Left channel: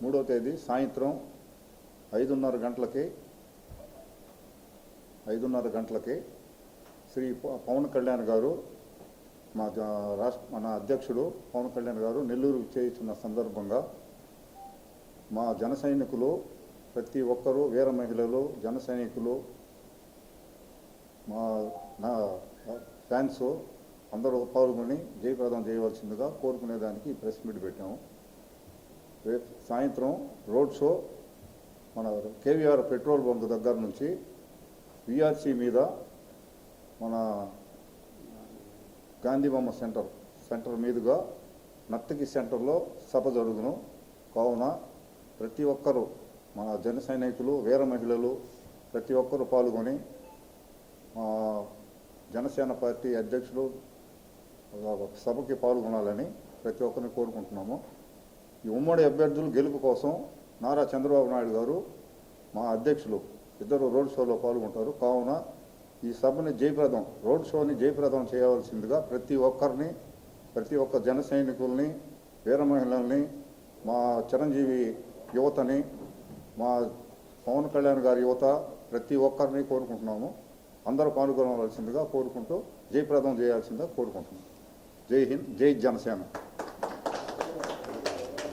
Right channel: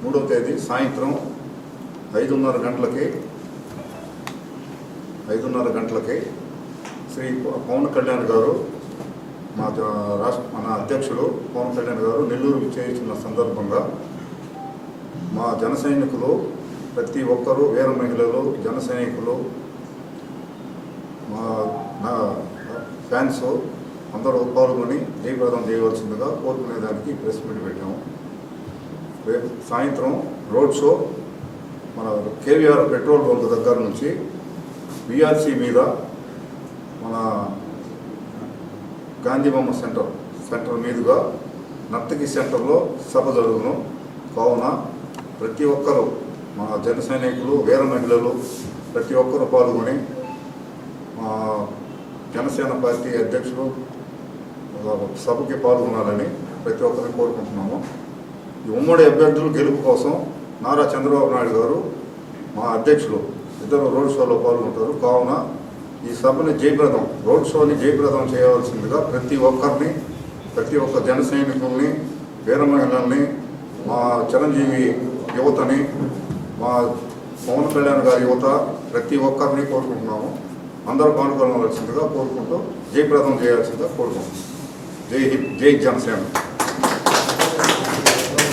మూడవ తేదీ సాయంత్రం 5:30 గంటలకి శ్రీ పవన్ కళ్యాణ్ గారు మన అధ్యక్షుడు పవన్ కళ్యాణ్ గారు నెల్లూరు చేయించిన సందర్భంగా మా జన సైనికులు ప్రతి ఒక్కరూ వీర మహిళలు జన సైనికులు మా ఫ్యాన్స్ అందరూ పాల్గొని జయప్రదం చేయవలసిందిగా కోరుకునేదానికి ప్రెస్ మీట్ పెట్టాము. రేపు సాయంత్రం రోడ్ షో మన కేవీఆర్ పెట్రోల్ బంక్ దగ్గర నుంచి విఆర్సీ మీద మన గాంధీ బొమ్మ సెంటర్ మీదుగా నర్తకి సెంటర్లో సభ జరుగును. కావున ప్రతి ఒక్కరూ మా జన సైనికులు వీర మహిళలు ప్రతి ఒక్కరూ పాల్గొని మా జనసేన పార్టీ అధ్యక్షులు సభకి పాల్గొనాలని ప్రతి ఒక్కరిని కోరుకుంటున్నాము. ఈ ఉమ్మడి అభ్యర్థులు గెలుపు కోసం నారా చంద్రబాబు నాయుడు గారు మా అధ్యక్షులు ఇద్దరు రోడ్ షోలో పాల్గొంటారు. కావున ఈ సభని రోడ్ షోని జయప్రదం చేయవలసిందిగా ప్రతి ఒక్క జన సైనికుల్ని వీర మహిళల్ని మా చిరంజీవి యువతని మా పవన్ కళ్యాణ్ గారి యువత ప్రతి ఒక్కరిని కోరుకుంటున్నాము. అందరూ పాల్గొనవలసిందిగా కోరుకుంటూ జయప్రదం చేయాల్సిందిగా కోరుకుంటున్నాం. జై హింద్, జై జనసేన.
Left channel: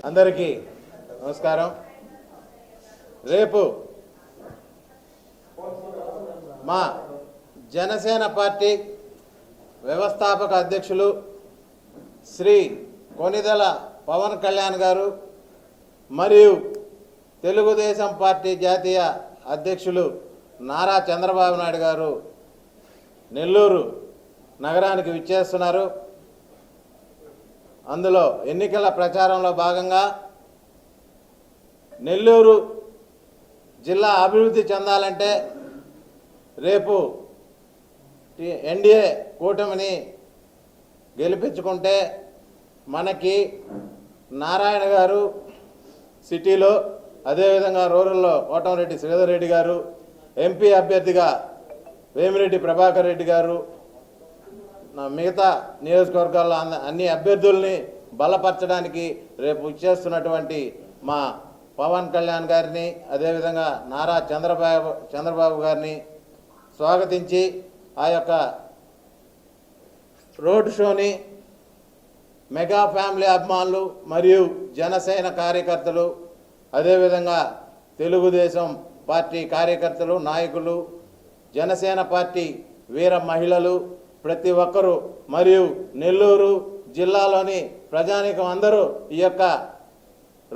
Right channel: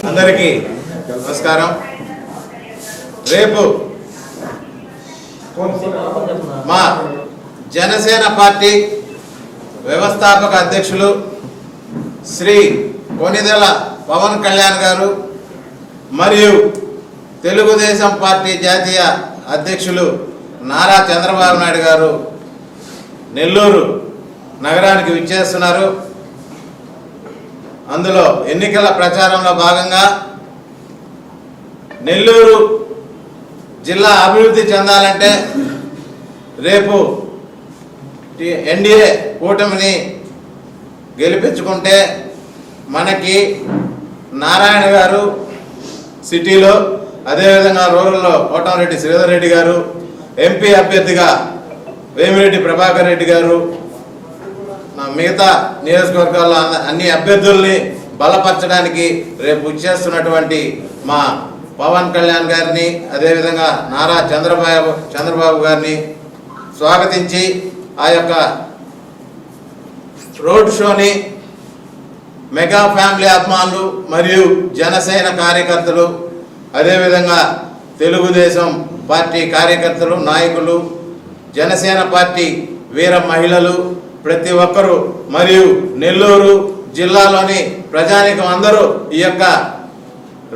అందరికీ నమస్కారం. రేపు మా జనసేన పార్టీ వ్యవస్థాపక అధ్యక్షులు శ్రీ కొనిదెల పవన్ కళ్యాణ్ గారు మరియు తెలుగుదేశం పార్టీ జాతీయ అధ్యక్షులు నారా చంద్రబాబు నాయుడు గారు నెల్లూరు నగరానికి విచ్చేస్తున్నారు. అందులో ఎన్నికల ప్రచారంలో భాగంగా నెల్లూరు జిల్లా అభివృద్ధి చెందాలంటే రేపు ఎన్డీఏ కూటమిని గెలిపించుకుంటే మనకి నారాయణ గారు సిటీలో, అదేవిధంగా రూరల్లో కోటమిరెడ్డి శ్రీధర్ రెడ్డి గారు, ఎంపీ అభ్యర్థిగా వేమిరెడ్డి ప్రభాకర్ రెడ్డి గారు, మిగతా నియోజకవర్గాల్లో అన్ని అభ్యర్థుల్ని బలపరచడానికి రేపు వచ్చేస్తున్నటువంటి మా పవన్ కళ్యాణ్ గారిని, అదేవిధంగా నారా చంద్రబాబు గారిని స్వాగతించి ఆ యొక్క రోడ్ షోని మెగా ఫ్యామిలీ అభిమానులు మరియు జనసేన కార్యకర్తలు, అదేవిధంగా తెలుగుదేశం పార్టీ కార్యకర్తలు, నాయకులు, జనసేన పార్టీ వీర మహిళలు ప్రతి ఒక్కరూ మరియు నెల్లూరు జిల్లాలోని ప్రజానీకం అందరూ ఈ యొక్క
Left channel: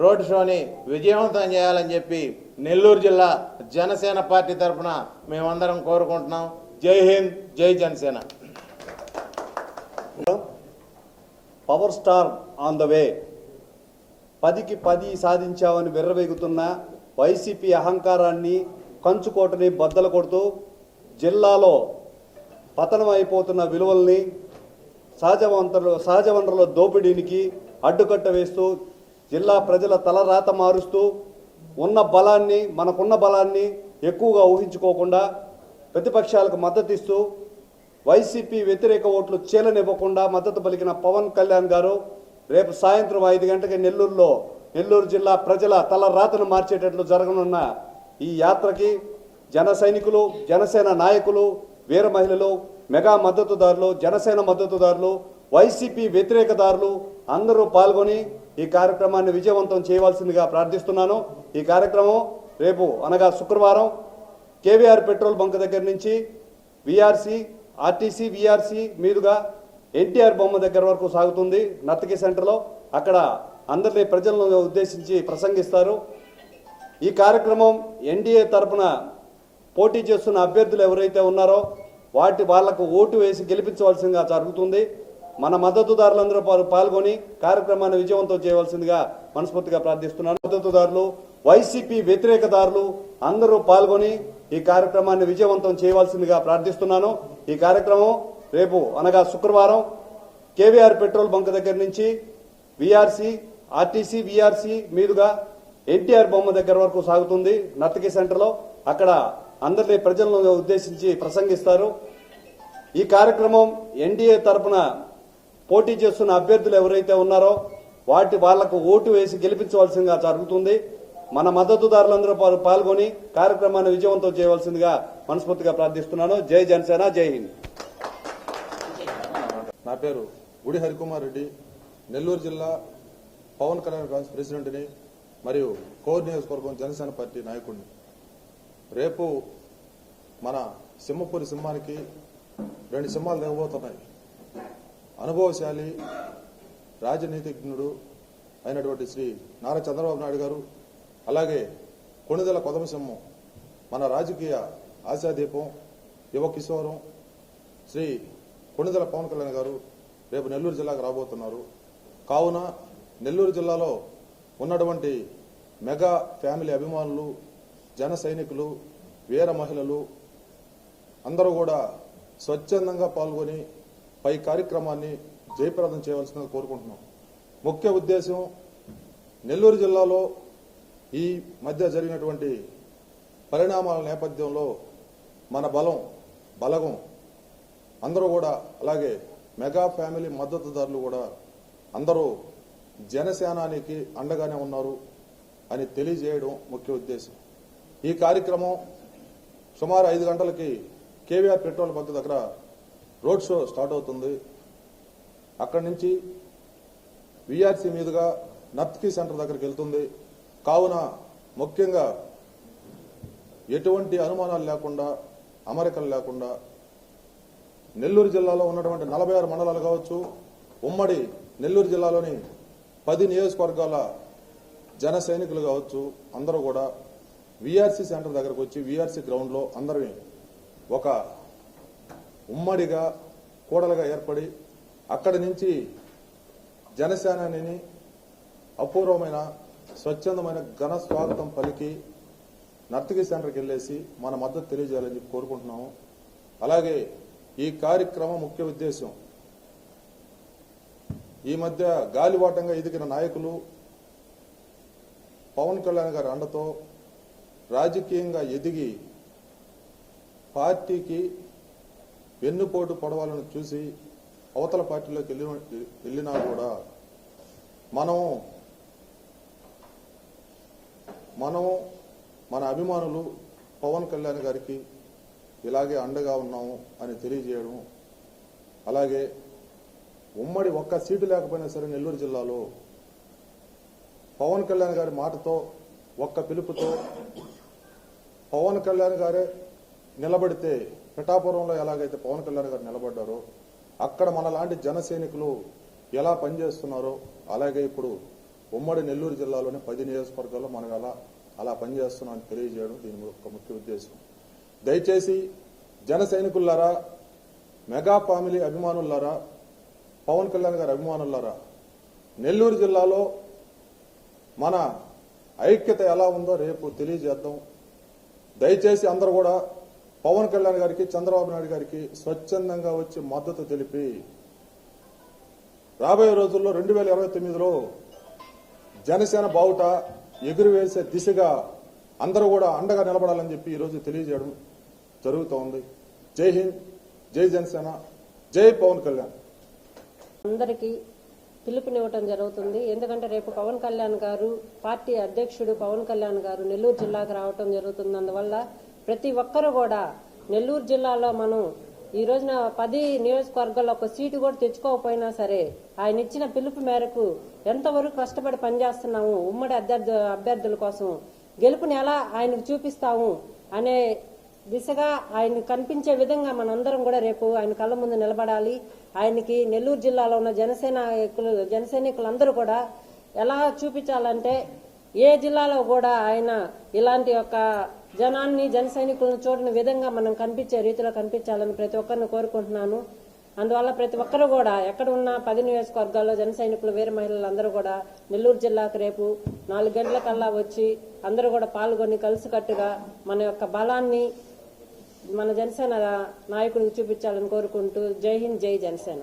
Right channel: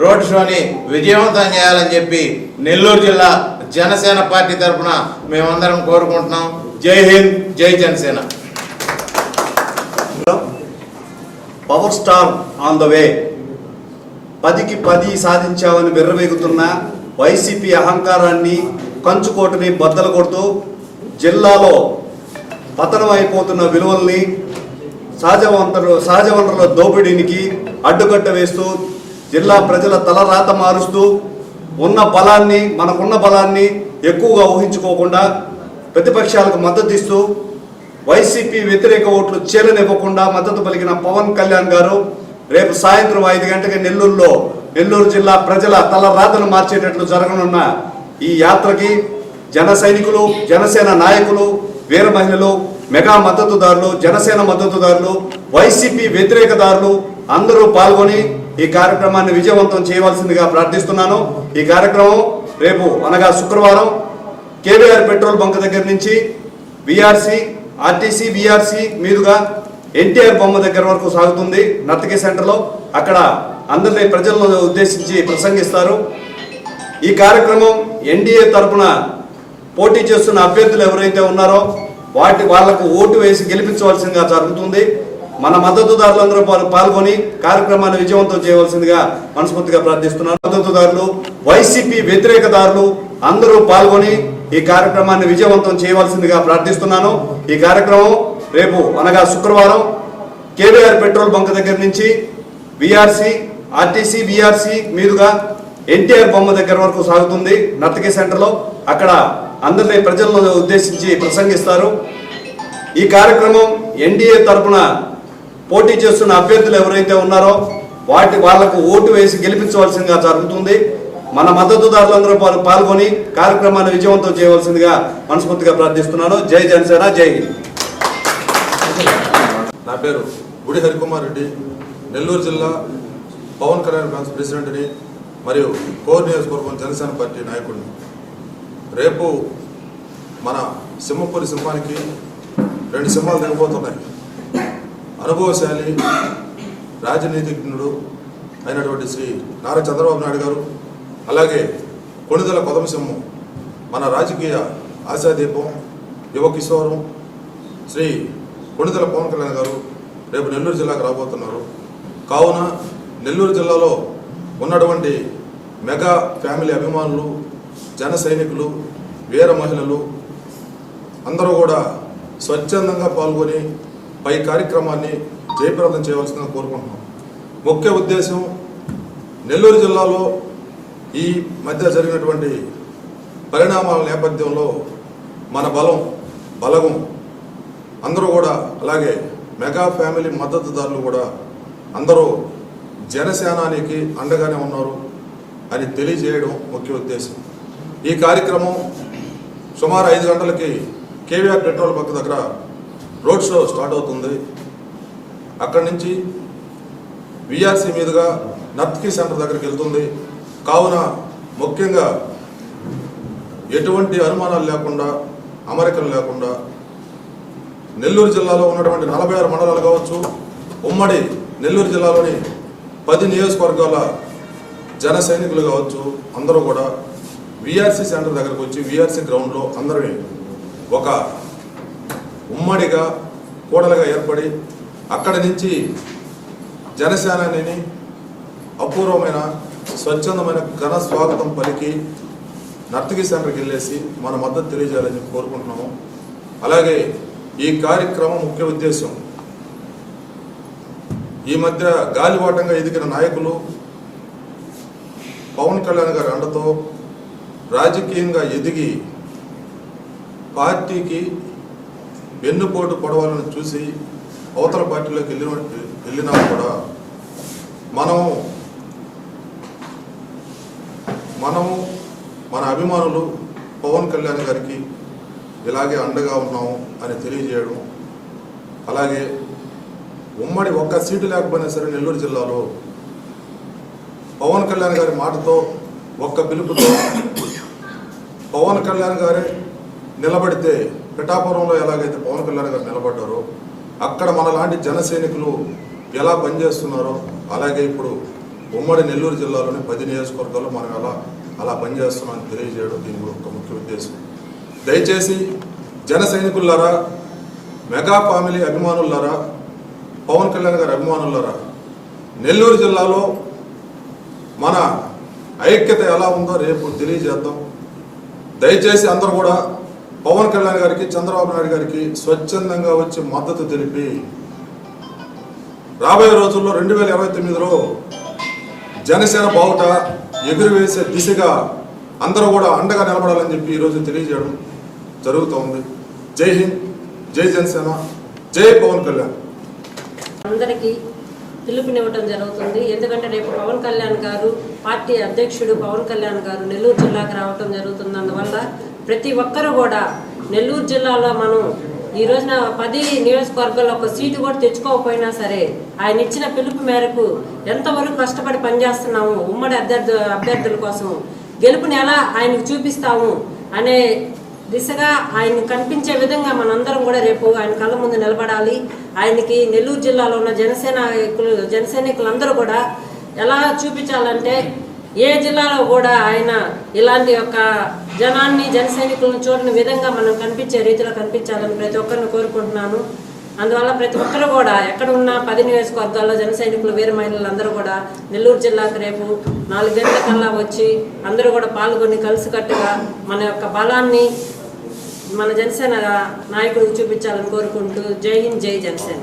రోడ్ షోని విజయవంతం చేయాలని చెప్పి నెల్లూరు జిల్లా జనసేన పార్టీ తరఫున మేమందరం కోరుకుంటున్నాం. Jai Hind, Jai Janasena. Power star on the way. 10కి 10 సాధించామని విర్రవేగుతున్న వైసీపీ అహంకారాన్ని, కంచుకోటని బద్దలు కొడుతూ జిల్లాలో పతనం అయిపోతున్న విలువల్ని, సహజ వనరుల దోపిడీనికి అడ్డుకట్ట వేస్తూ జిల్లా ప్రజల తలరాత మారుస్తూ మనకున్న బలాన్ని ఎక్కువగా ఊహించుకోకుండా ప్రతిపక్షాలకు మద్దతు ఇస్తూ వైసీపీ వ్యతిరేక ఓట్లు చేరనివ్వకుండా మద్దతు పలికిన పవన్ కళ్యాణ్ గారు రేపు సాయంత్రం 5 గంటలకి నెల్లూరు జిల్లా ప్రజల తలరాతను మార్చేటట్లు జరగనున్న ఈ యాత్రకి జన సైనికులు, జనసేన నాయకులు, వీర మహిళలు, మెగా మద్దతుదారులు, జనసేన మద్దతుదారులు, వైసీపీ వ్యతిరేకదారులు అందరూ పాల్గొని ఈ కార్యక్రమాన్ని విజయవంతం చేయవలసిందిగా ప్రార్థిస్తున్నాను. ఈ కార్యక్రమం రేపు అనగా శుక్రవారం కేవీఆర్ పెట్రోల్ బంక్ దగ్గర నుంచి ఆర్టీసీ విఆర్సీ మీదుగా ఎన్టీఆర్ బొమ్మ దగ్గర వరకు సాగుతుంది. నర్తకి సెంటర్లో అక్కడ అందరినీ ప్రజలను ఉద్దేశించి ప్రసంగిస్తారు. ఈ కార్యక్రమం ఎన్డీఏ తరఫున పోటీ చేస్తున్న అభ్యర్థులు ఎవరైతే ఉన్నారో వాళ్లకు ఓటు వేసి గెలిపించవలసిందిగా జరుగుతుంది. మన మద్దతుదారులందరూ పాల్గొని కార్యక్రమాన్ని విజయవంతం చేయవలసిందిగా మనస్ఫూర్తిగా ప్రార్థిస్తున్నాను. మద్దతుదారులు, వైసీపీ వ్యతిరేకదారులు అందరూ పాల్గొని ఈ కార్యక్రమాన్ని విజయవంతం చేయవలసిందిగా ప్రార్థిస్తున్నాను. ఈ కార్యక్రమం రేపు అనగా శుక్రవారం కేవీఆర్ పెట్రోల్ బంక్ దగ్గర నుంచి విఆర్సి, ఆర్టీసీ, విఆర్సి మీదుగా ఎన్టీఆర్ బొమ్మ దగ్గర వరకు సాగుతుంది. నర్తకి సెంటర్లో అక్కడ అందరినీ ప్రజలను ఉద్దేశించి ప్రసంగిస్తారు. ఈ కార్యక్రమం ఎన్డీఏ తరఫున పోటీ చేస్తున్న అభ్యర్థులు ఎవరైతే ఉన్నారో వాళ్లకు ఓటు వేసి గెలిపించవలసిందిగా జరుగుతుంది. మన మద్దతుదారులందరూ పాల్గొని కార్యక్రమాన్ని విజయవంతం చేయవలసిందిగా మనస్ఫూర్తిగా ప్రార్థిస్తున్నాను. జై జనసేన, జై హింద్. నా పేరు గుడి హరికుమార్ రెడ్డి, నెల్లూరు జిల్లా పవన్ కళ్యాణ్ బ్రాంచ్ ప్రెసిడెంట్ని మరియు కోర్ నియోజకవర్గం జనసేన పార్టీ నాయకుడిని. రేపు మన సింహపురి సింహానికి 2 సింహాలు దిగబోతున్నాయి. అనుభవశాలి రాజనీతిజ్ఞుడు అయినటువంటి శ్రీ నారా చంద్రబాబు నాయుడు గారు, అలాగే కొణిదెల కొదమసింహం మన రాజకీయ ఆశాదీపం, యువ కిశోరం శ్రీ కొణిదెల పవన్ కళ్యాణ్ గారు రేపు నెల్లూరు జిల్లాకు రాబోతున్నారు. కావున నెల్లూరు జిల్లాలో ఉన్నటువంటి మెగా ఫ్యామిలీ అభిమానులు, జన సైనికులు, వీర మహిళలు అందరూ కూడా స్వచ్ఛందంగా పాల్గొని పై కార్యక్రమాన్ని జయప్రదం చేయవలసిందిగా కోరుకుంటున్నాం. ముఖ్య ఉద్దేశం, నెల్లూరు జిల్లాలో ఈ మధ్య జరిగినటువంటి పరిణామాల నేపథ్యంలో మన బలగం అందరూ కూడా, అలాగే మెగా ఫ్యామిలీ మద్దతుదారులు కూడా అందరూ జనసేనానికి అండగానే ఉన్నారు అని తెలియజేయడం ముఖ్య ఉద్దేశం. ఈ కార్యక్రమం సుమారు 5 గంటలకి కేవీఆర్ పెట్రోల్ బంక్ దగ్గర రోడ్ షో స్టార్ట్ అవుతుంది. అక్కడి నుంచి విఆర్సి మీదుగా నర్తకి సెంటర్ దగ్గరికి వెళ్తుంది. కావున ముఖ్యంగా ఎటువంటి అనుమానాలు లేకుండా, అమరికలు లేకుండా నెల్లూరు జిల్లాలో ఉన్నటువంటి 46 మండలాలు కావచ్చు, ఉమ్మడి నెల్లూరు జిల్లాలోని 10 నియోజకవర్గాల జన సైనికులు కావచ్చు, అందరూ కూడా విఆర్సి సెంటర్ దగ్గరకు వచ్చి విఆర్సి గ్రౌండ్లో అందరినీ ఒక ఉమ్మడిగా కూడలుగా ఏర్పడి అక్కడి నుంచి జనసేనని అపూర్వమైన స్వచ్ఛందమైన ఘన స్వాగతం పలికి నర్తకి సెంటర్కి వెళ్ళేసి మన మద్దతు తెలియజేయాలని కోరుకుంటున్నాము. అలాగే ఈ కార్యక్రమం ముఖ్య ఉద్దేశం, ఈ మధ్య గాలివాటంగా ఎదిగిన నాయకులు పవన్ కళ్యాణ్ గారి అండతో రాజకీయంగా ఎదిగి పార్టీకి వెన్నుపోటు పొడవాలని చూసి అవతల పార్టీలోకి వెళ్ళినా కూడా మనము మన అభిమానులు పవన్ కళ్యాణ్ గారికి ఇలాగే అండగా ఉన్నాము అని తెలియజేయడం. అలాగే ఉమ్మడి ఒక్క సీటు లేకపోయినా సరే నెల్లూరు జిల్లాలో పవన్ కళ్యాణ్ గారి మాటతో, ఒక్క పిలుపుతో పవన్ కళ్యాణ్ గారే నిలబడితే, పిఠాపురంలో ఎలాగైతే పవన్ కళ్యాణ్ గారు నిలబడ్డారో అక్కడ మనలాంటి జన సైనికులు ఎలా పనిచేస్తున్నారో అలాగే ఇప్పుడు ఉమ్మడి నెల్లూరు జిల్లాలోని 10 నియోజకవర్గాల్లో మనం అలా పనిచేస్తున్నామని తెలియజేయడం దీని ఒక ముఖ్య ఉద్దేశం. దయచేసి జన సైనికులారా, మెగా ఫ్యామిలీ అభిమానులారా, పవన్ కళ్యాణ్ గారి అభిమానులారా, నెల్లూరు జిల్లాలో మన ఐక్యత ఎలా ఉందో రేపు తెలియజేద్దాం. దయచేసి అందరూ కూడా పవన్ కళ్యాణ్ గారికి, చంద్రబాబు నాయుడు గారికి స్వచ్ఛందంగా వచ్చి మద్దతు తెలిపి రాబోయే రోజుల్లో 2029లో జనసేన బావుట ఎగురువేసే దిశగా అందరూ కూడా అండగా నిలబడాలని చెప్పి ఈరోజు తెలియజేయడం జరుగుతోంది. జై హింద్, జై జనసేన, జై పవన్ కళ్యాణ్. అందరికీ పిలుపునివ్వటం జరుగుతుంది. ఎందుకంటే రేపు పవన్ కళ్యాణ్ గారు, పార్టీ అధ్యక్షుడు పవన్ కళ్యాణ్ గారు నెల్లూరు జిల్లాకు రావటం జరుగుతుంది. అందువల్ల ప్రతి ఒక్కరు కూడా నెల్లూరు జిల్లాలో మనం ఈ రోజున 10 నియోజకవర్గాల్లో ఒక సీటు కూడా తెచ్చుకోకపోయినా సరే ఆయన ఇచ్చిన పిలుపు మేరకు ఎంతవరకు కష్టపడి పనిచేస్తున్నాము, ఉమ్మడి అభ్యర్థుల కోసం గెలుపుని ఎలా ఆయనకు చూపిస్తాము అనే దిశగా ఆయన కనిపించే విధంగా మనందరం కూడా రేపు ఆయన కళ్ళ ముందు నిలబడాలి. ఆయనకి నెల్లూరు జిల్లాలో ఉన్న జనసైనికులందరూ కూడా ఎలా చూపించాలంటే ఏ జిల్లాలో కూడా ఆయన ఇలాంటి యొక్క జనాన్ని, జనసైనికులను చూడని విధంగా మనం కనిపించే రీతిలో కనిపించాలని ప్రతి ఒక్కరిని కోరుకుంటున్నాను. అందువల్ల ప్రతి ఒక్కరు కూడా ఎక్కడ ఉన్న 10 నియోజకవర్గాల్లో జన సైనికులు వీర మహిళలు అందరూ కూడా నెల్లూరు జిల్లాకు రేపు 4 గంటల కల్లా వచ్చి అందరూ కూడా పాల్గొని కలిసికట్టుగా మన యొక్క బలాన్ని మన జనసేన నాయకుడికి చూపించాలని కోరుకుంటూ జై హింద్, జై జనసేన.